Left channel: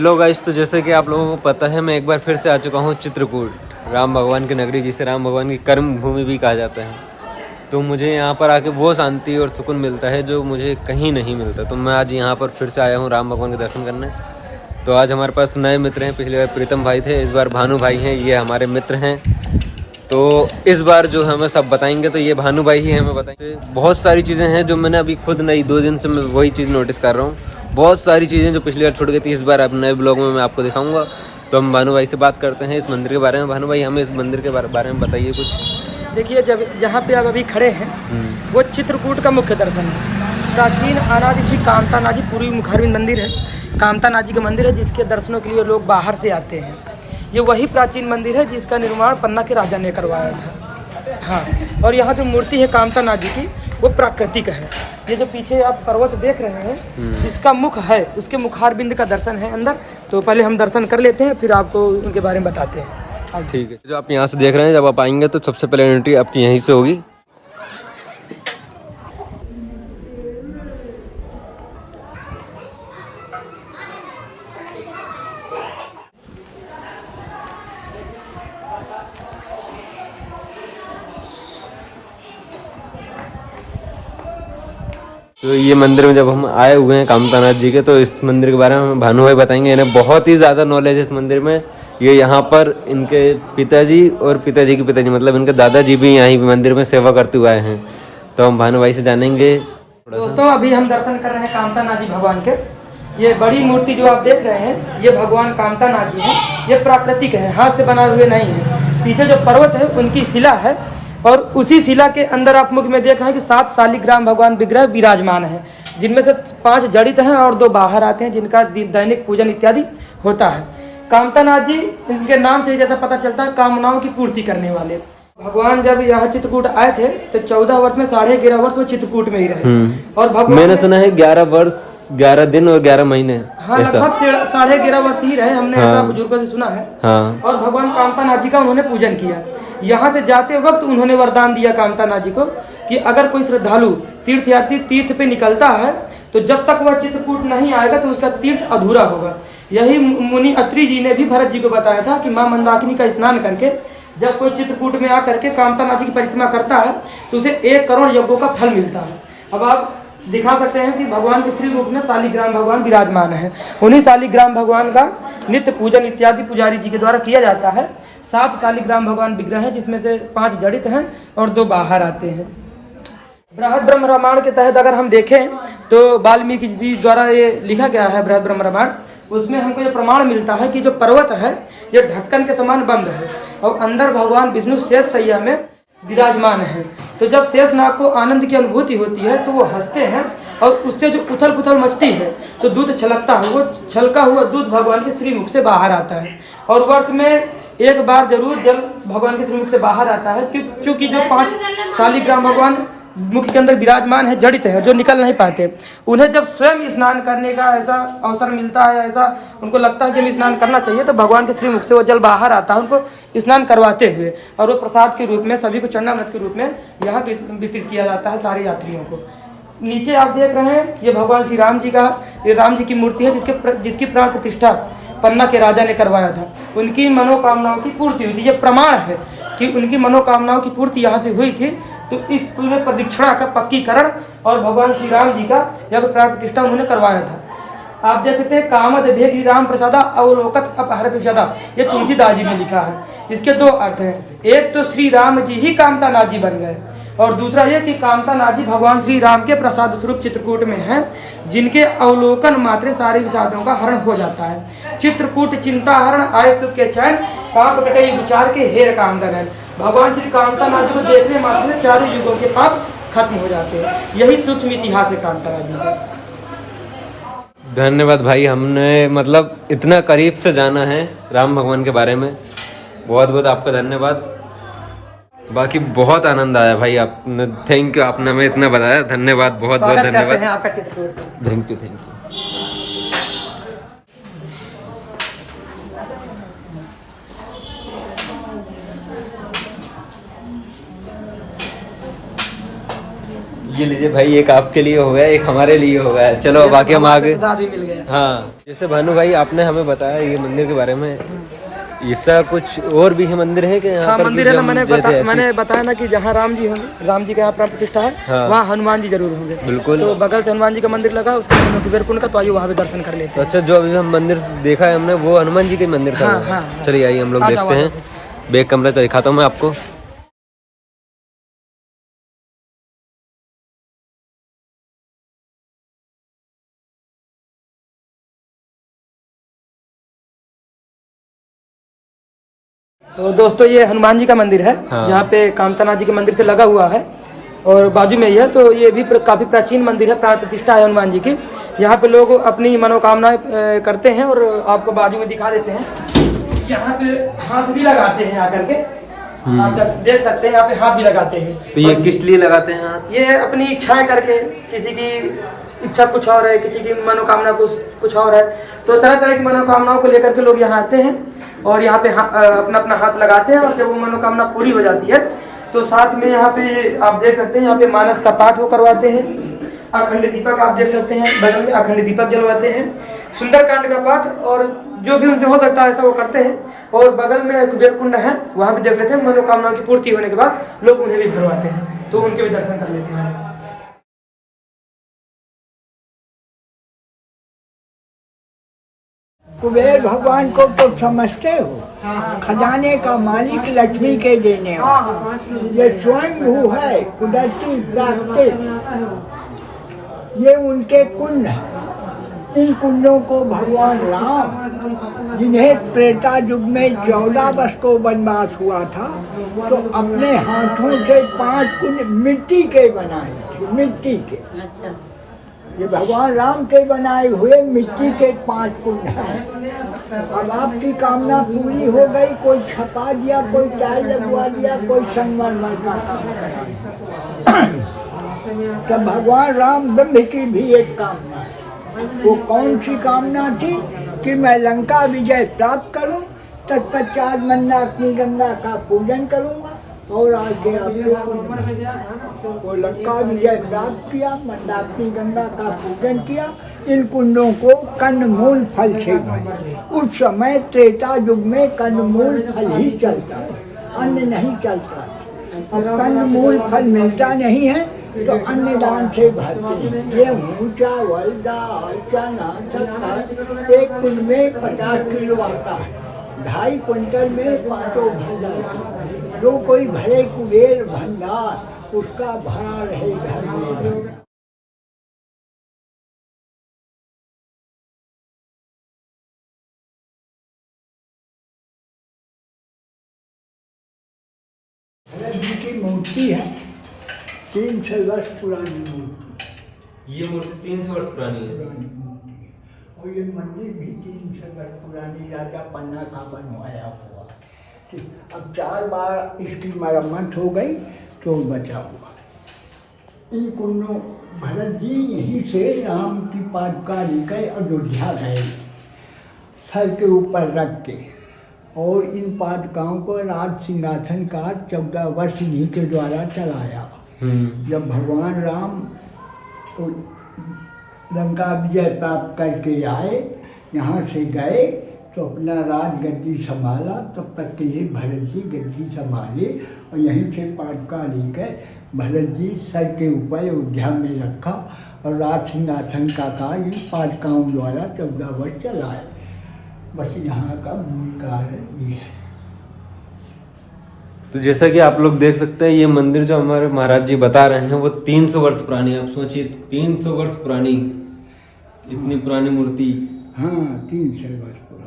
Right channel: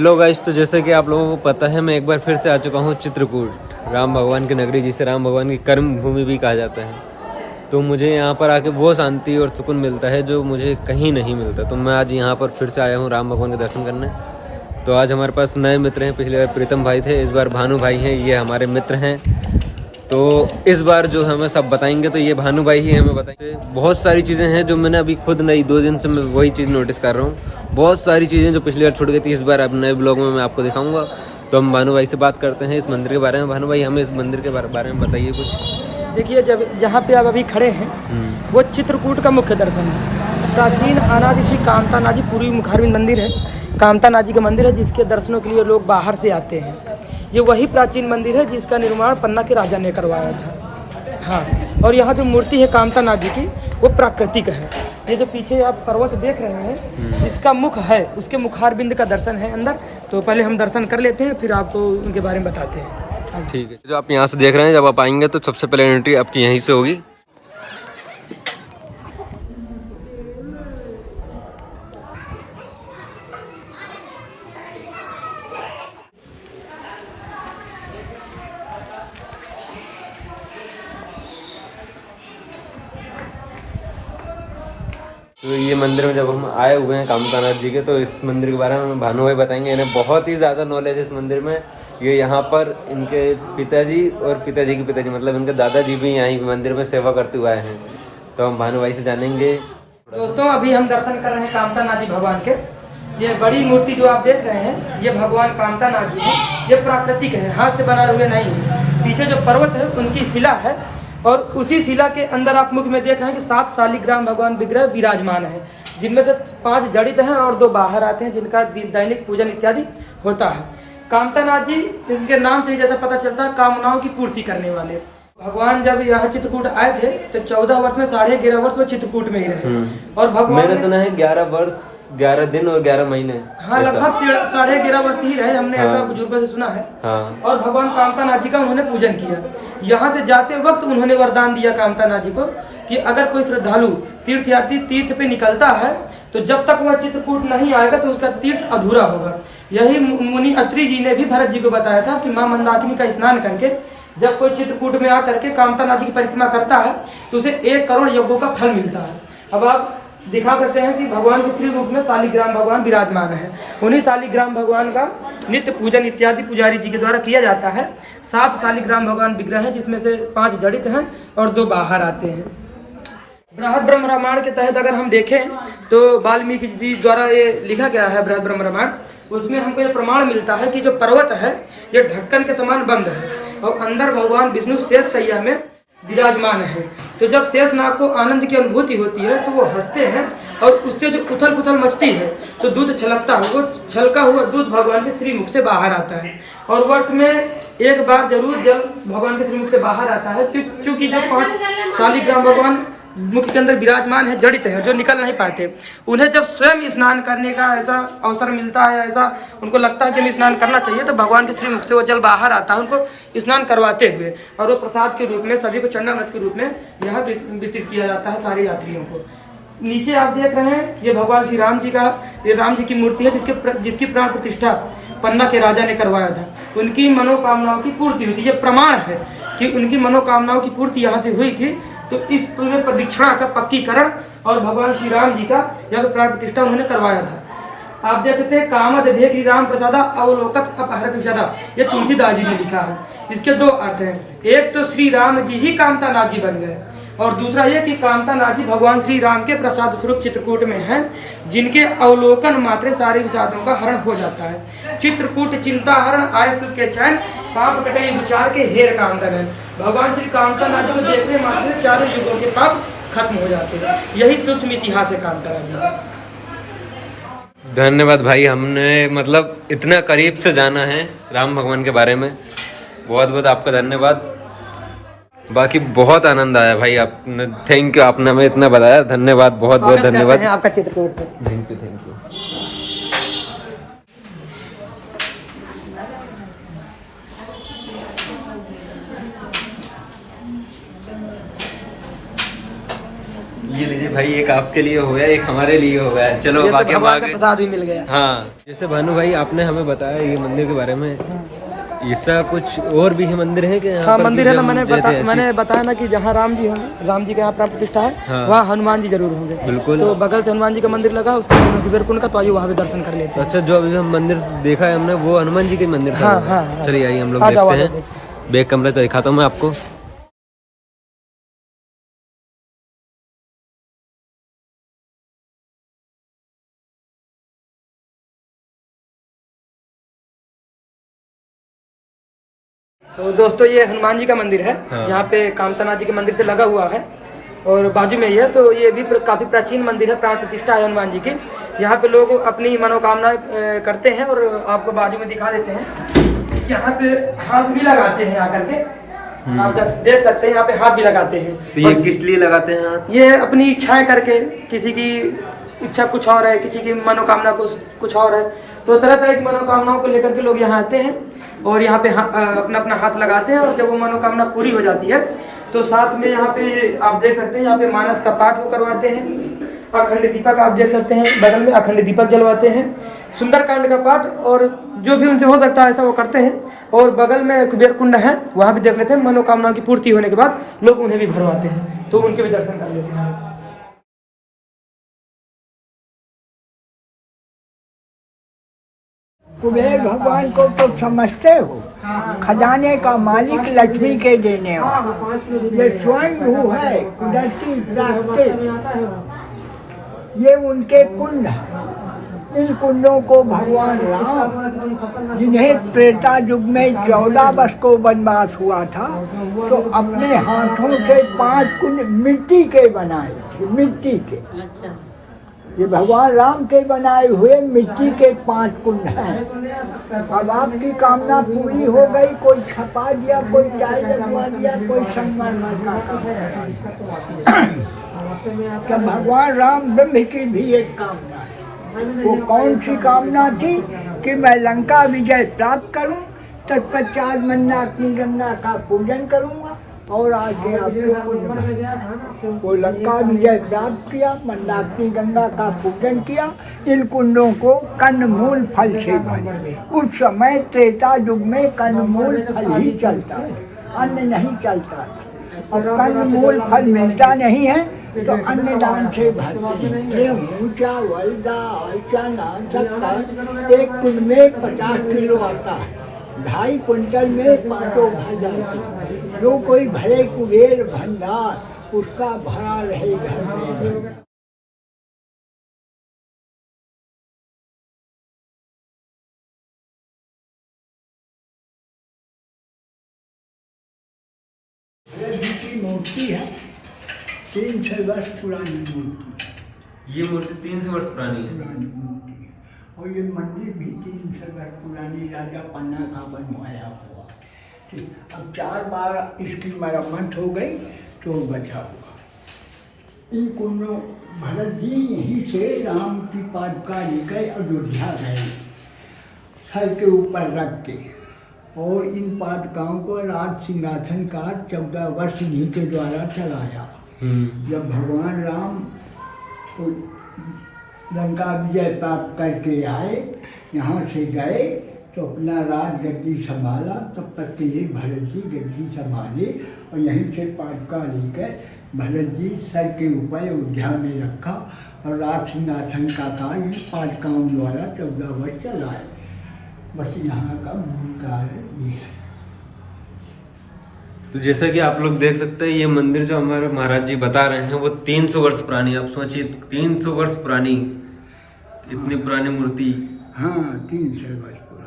Hello guys, तो जैसे कि आप लोगों को पता है, मैं एक बार फिर से आ चुका हूँ चित्रकूट, राम भगवान की नगरी, जिसे राम भगवान की कर्म भूमि भी कहा जाता है। तो मुझे यहाँ पर आके वो शांति और सुकून मिलता है जो मुझे कहीं नहीं मिलता। तो मैं आज यहाँ पर फिर से आया हूँ राम भगवान के दर्शन करने। तो आज हमारे पास नए मित्र हैं। पिछली बार प्रीतम भाई थे, इस बार भानु भाई हैं। ये हमारे मित्र हैं। तो इस बार जो हमें सब बताएंगे, तो ये भानु भाई ही हमें बताएंगे। बहुत सारी चीज़ें हैं जो मैंने अभी खुद नई 2 दिन से मैं वही चीज़ नोटिस कर रहा हूँ। बहुत सारी चीज़ें जो पिछली बार छूट गई थी, इस बार अब नए ब्लॉग में मैं आपको दिखाऊंगा। तो हम भानु भाई से बात करते हैं इस मंदिर के बारे में। भानु भाई, हमें इस मंदिर के बारे में बताइए कुछ। देखिए, जब जहाँ पे आप अभी खड़े हैं वो चित्रकूट का मुख्य दर्शन है। प्राचीन अनादि श्री कामता नाजी पूर्वी मुखारबिंद मंदिर है। कामता नाजी का मंदिर है जिसके दर्शनों के लिए लोग बाहर से आते हैं। ये वही प्राचीन मंदिर है जिसका निर्माण पन्ना के राजा ने करवाया था। हाँ, और यहाँ जो मूर्ति है कामता नाजी की, वो प्राकृतिक है। ये जो पीछे आप पर्वत देख रहे हैं, इसका मुख है, उसके मुखारबिंद का दर्शन है अंदर। तो पहले हम दर्शन कर लेते हैं, फिर आपको उनके बारे में बताते हैं। ठीक है। जो आप यहाँ से देख रहे हैं, जब आप आएंगे तो सबसे पहले एंट्री आपकी यहीं से होगी। तो ये मंदिर में जब हम आए हुए हैं कामतानाथ जी के, तो इस मंदिर के बारे में भानु भाई बताएंगे। इन्हें बहुत ही ज़्यादा नॉलेज है इस मंदिर में। ये यहाँ पर इनके पिताजी और पिताजी के पिताजी, मतलब इनके दादाजी भी यहाँ मंदिर में सेवा करते हुए आए हैं। तो हम भानु भाई से जानेंगे। दोस्तों, अभी हम दर्शन कर रहे हैं कामता नाजी भगवान के। ये बड़ी मूर्ति जो आप देख रहे हैं, ये भगवान कामता नाजी है। ये प्राकृतिक है, हाथ से बनाए हुए नहीं है। पीछे जो पर्वत है उनकी शिला है, और उसी शिला के अंदर आप मुख में देख रहे हैं कि 7 शालिग्राम भगवान विग्रह विराजमान है, जिनमें से 5 जड़ित हैं और 2 बाहर आते हैं, जिनका दैनिक पूजन इत्यादि होता है। कामता नाथ जी, इनके नाम से ही जैसा पता चलता है, कामनाओं की पूर्ति करने वाले। भगवान जब यहाँ चित्रकूट आए थे तो 14 वर्ष में 11.5 वर्ष वो चित्रकूट में ही रहे। और भगवान, मैंने सुना है 11 वर्ष 11 दिन और 11 महीने। हाँ, लगभग 11.5 वर्ष ही रहे, हमने ऐसा बुजुर्गों से सुना है। हाँ। और भगवान कामता नाथ जी का उन्होंने पूजन किया। यहाँ से जाते वक्त उन्होंने वरदान दिया कामता नाथ जी को कि अगर कोई श्रद्धालु तीर्थयात्री तीर्थ पे निकलता है तो जब तक वह चित्रकूट नहीं आएगा तो उसका तीर्थ अधूरा होगा। यही मुनि अत्रि जी ने भी भरत जी को बताया था कि माँ मंदाकिनी का स्नान करके जब कोई चित्रकूट में आकर के कामता नाथ जी की परिक्रमा करता है तो उसे 1 करोड़ यज्ञों का फल मिलता है। अब आप दिखा सकते हैं कि भगवान के श्री रूप में शालिग्राम भगवान विराजमान है। उन्हीं शालिग्राम भगवान का नित्य पूजन इत्यादि पुजारी जी के द्वारा किया जाता है। 7 शालिग्राम भगवान विग्रह हैं, जिसमें से 5 जड़ित हैं और 2 बाहर आते हैं। बृहद ब्रह्म रामायण के तहत अगर हम देखें तो वाल्मीकि जी द्वारा ये लिखा गया है बृहद ब्रह्म रामायण। उसमें हमको ये प्रमाण मिलता है कि जो पर्वत है ये ढक्कन के समान बंद है और अंदर भगवान विष्णु शेष सैया में विराजमान है। तो जब शेषनाग को आनंद की अनुभूति होती है तो वो हंसते हैं और उससे जो उथल पुथल मचती है तो दूध छलकता है, वो छलका हुआ दूध भगवान के श्रीमुख से बाहर आता है। और वर्ष में एक बार जरूर जब भगवान के श्रीमुख से बाहर आता है, क्योंकि जो 5 शालिग्राम भगवान मुख के अंदर विराजमान है, जड़ित है, जो निकल नहीं पाते, उन्हें जब स्वयं स्नान करने का ऐसा अवसर मिलता है, ऐसा उनको लगता है कि हमें स्नान करना चाहिए, तो भगवान के श्रीमुख से वो जल बाहर आता है उनको स्नान करवाते हुए, और वो प्रसाद के रूप में सभी को चंडामृत के रूप में यहाँ वितरित किया जाता है सारे यात्रियों को। नीचे आप देख रहे हैं ये भगवान श्री राम जी का, ये राम जी की मूर्ति है जिसकी प्राण प्रतिष्ठा पन्ना के राजा ने करवाया था। उनकी मनोकामनाओं की पूर्ति हुई थी। ये प्रमाण है कि उनकी मनोकामनाओं की पूर्ति यहाँ से हुई थी। तो इस पूरे प्रदक्षिणा का पक्कीकरण और भगवान श्री राम जी का यह प्राण प्रतिष्ठा उन्होंने करवाया था। आप देख सकते हैं, कामद भेगी राम प्रसादा अवलोकत अपहरत विषदा, ये तुलसीदास जी ने लिखा है। इसके 2 अर्थ हैं। एक तो श्री राम जी ही कामता नाथ जी बन गए, और दूसरा यह कि कामता नाथ जी भगवान श्री राम के प्रसाद स्वरूप चित्रकूट में हैं, जिनके अवलोकन मात्र सारे विषादों का हरण हो जाता है। चित्रकूट चिंता हरण आय सुख के चैन, पाप कटे विचार के हेर कामदन। भगवान श्री कामता नाथ जी को देखने मात्र से 4 युगों के पाप खत्म हो जाते हैं। यही सूक्ष्म इतिहास है कामता नाथ जी का। धन्यवाद भाई, हमने मतलब इतना करीब से जाना है राम भगवान के बारे में। बहुत बहुत आपका धन्यवाद। बाकी बहुत आनंद आया भाई, आपने थैंक यू, आपने हमें इतना बताया। धन्यवाद, बहुत बहुत धन्यवाद। आपका चित्रकूट, थैंक यू। ये लीजिए भाई, एक आपके लिए हो गया, एक हमारे लिए हो गया। चलो ये तो बाकी हम भगवान का आगे। प्रसाद भी मिल गया। हाँ, जैसे भानु भाई आपने हमें बताया ये मंदिर के बारे में, ऐसा कुछ और भी है मंदिर है कि यहाँ हाँ पर मंदिर कि है ना, जो हम मैंने बताया ना कि जहाँ राम जी होंगे, राम जी का यहाँ प्राण प्रतिष्ठा है, हाँ। वहाँ हनुमान जी जरूर होंगे। बिल्कुल। तो बगल से हनुमान जी का मंदिर लगा, उसके सामने कुबेर कुंड का, तो आइए वहाँ भी दर्शन कर लेते तो हैं। अच्छा, जो अभी हम मंदिर देखा है हमने वो हनुमान जी के मंदिर था। हाँ, वो। हाँ। चलिए आइए हम लोग हाँ, देखते हैं। बैक कमरा तो दिखाता हूँ मैं आपको। तो दोस्तों ये हनुमान जी का मंदिर है, हाँ। यहाँ पे कामतानाथ जी के मंदिर से लगा हुआ है और बाजू में ही है। तो ये भी काफी प्राचीन मंदिर है, प्राण प्रतिष्ठा है हनुमान जी की। यहाँ पे लोग अपनी मनोकामनाएं करते हैं और आपको बाजू में दिखा देते हैं। यहाँ पे हाथ भी लगाते हैं आकर के, आप देख सकते हैं यहाँ पे हाथ भी लगाते हैं। तो ये किस लिए लगाते हैं हाथ? ये अपनी इच्छाएं करके, किसी की इच्छा कुछ और है, किसी की मनोकामना कुछ और है, तो तरह तरह की मनोकामनाओं को लेकर के लोग यहाँ आते हैं और यहाँ पे अपना अपना हाथ लगाते हैं। और जब वो मनोकामना पूरी हो जाती है तो साथ में यहाँ पे आप देख सकते हैं, यहाँ पे मानस का पाठ वो करवाते हैं। अखंड दीपक आप देख सकते हैं, बगल में अखंड दीपक जलवाते हैं, सुंदरकांड का पाठ, और जो भी उनसे हो सकता है ऐसा वो करते हैं। और बगल में कुबेर कुंड है, वहाँ भी देख लेते हैं। मनोकामना की पूर्ति होने के बाद लोग उन्हें भी भरवाते हैं, तो उनके भी दर्शन कर लेते हैं। कुबेर भगवान को तो समझते हो, खजाने का मालिक, लक्ष्मी के देने वाला। ये स्वयं भू है, कुदरती प्राकृतिक, ये उनके कुंड है। इन कुंडों को भगवान राम, जिन्हें त्रेता युग में 14 वर्ष को वनवास हुआ था, तो अपने हाथों से 5 कुंड मिट्टी के बनाए थे, मिट्टी के। ये भगवान राम के बनाए हुए मिट्टी के 5 कुंड हैं। अब आपकी कामना पूरी हो गई, कोई छपा दिया, कोई टाइल लगवा दिया, कोई संगमरमर का काम करा दिया। तो भगवान राम ब्रह्म की भी एक कामना है। वो कौन सी कामना थी? कि मैं लंका विजय प्राप्त करूं, तत्पश्चात मंदाकिनी गंगा का पूजन करूंगा और आगे आपके कुंड में। वो लंका विजय प्राप्त किया, मंदाकिनी गंगा का पूजन किया, इन कुंडों को कंदमूल फल से भरे। उस समय त्रेता युग में कंदमूल फल ही चलता है, अन्न नहीं चलता। अब कंदमूल फल मिलता नहीं है तो अन्न दान से भरते हैं। गेहूँ, चावल, दाल, चना, शक्कर एक कुंड में 50 किलो आता है। 2.5 कुंटल में 5 भर जाती है। जो कोई भरे कुबेर भंडार, उसका भरा रहे घर में। की मूर्ति है, 300 वर्ष पुरानी मूर्ति। ये मूर्ति 300 वर्ष पुरानी है। पुरानी मूर्ति है। और ये मंदिर भी 300 वर्ष पुरानी, राजा पन्ना का बनवाया हुआ। अब 4 बार इसकी मरम्मत हो गई तो बचा हुआ। इन कुंडों, भरत जी यहीं से राम की पादुका लेकर अयोध्या गए, सर के ऊपर रख के। और इन पादुकाओं को राज सिंहासन का 14 वर्ष इन्हीं के द्वारा चलाया। जब भगवान राम तो लंका विजय प्राप्त करके आए, यहाँ से गए तो अपना राज गद्दी संभाला। तब तक के लिए भरत जी गद्दी संभाले और यहीं से पादुका लेकर भरत जी सर के ऊपर अयोध्या में रखा और राज सिंहासन का कार्य इन पादुकाओं द्वारा 14 वर्ष चलाया। बस यहाँ का मूल कारण ये है। तो जैसा कि आप लोग देख सकते हैं, ये मंदिर जो हमारे महाराज जी बता रहे हैं वो 300 वर्ष पुरानी। आप सोचिए 300 वर्ष पुरानी, इतनी पुरानी मूर्ति। हाँ, 300 वर्ष पुरानी।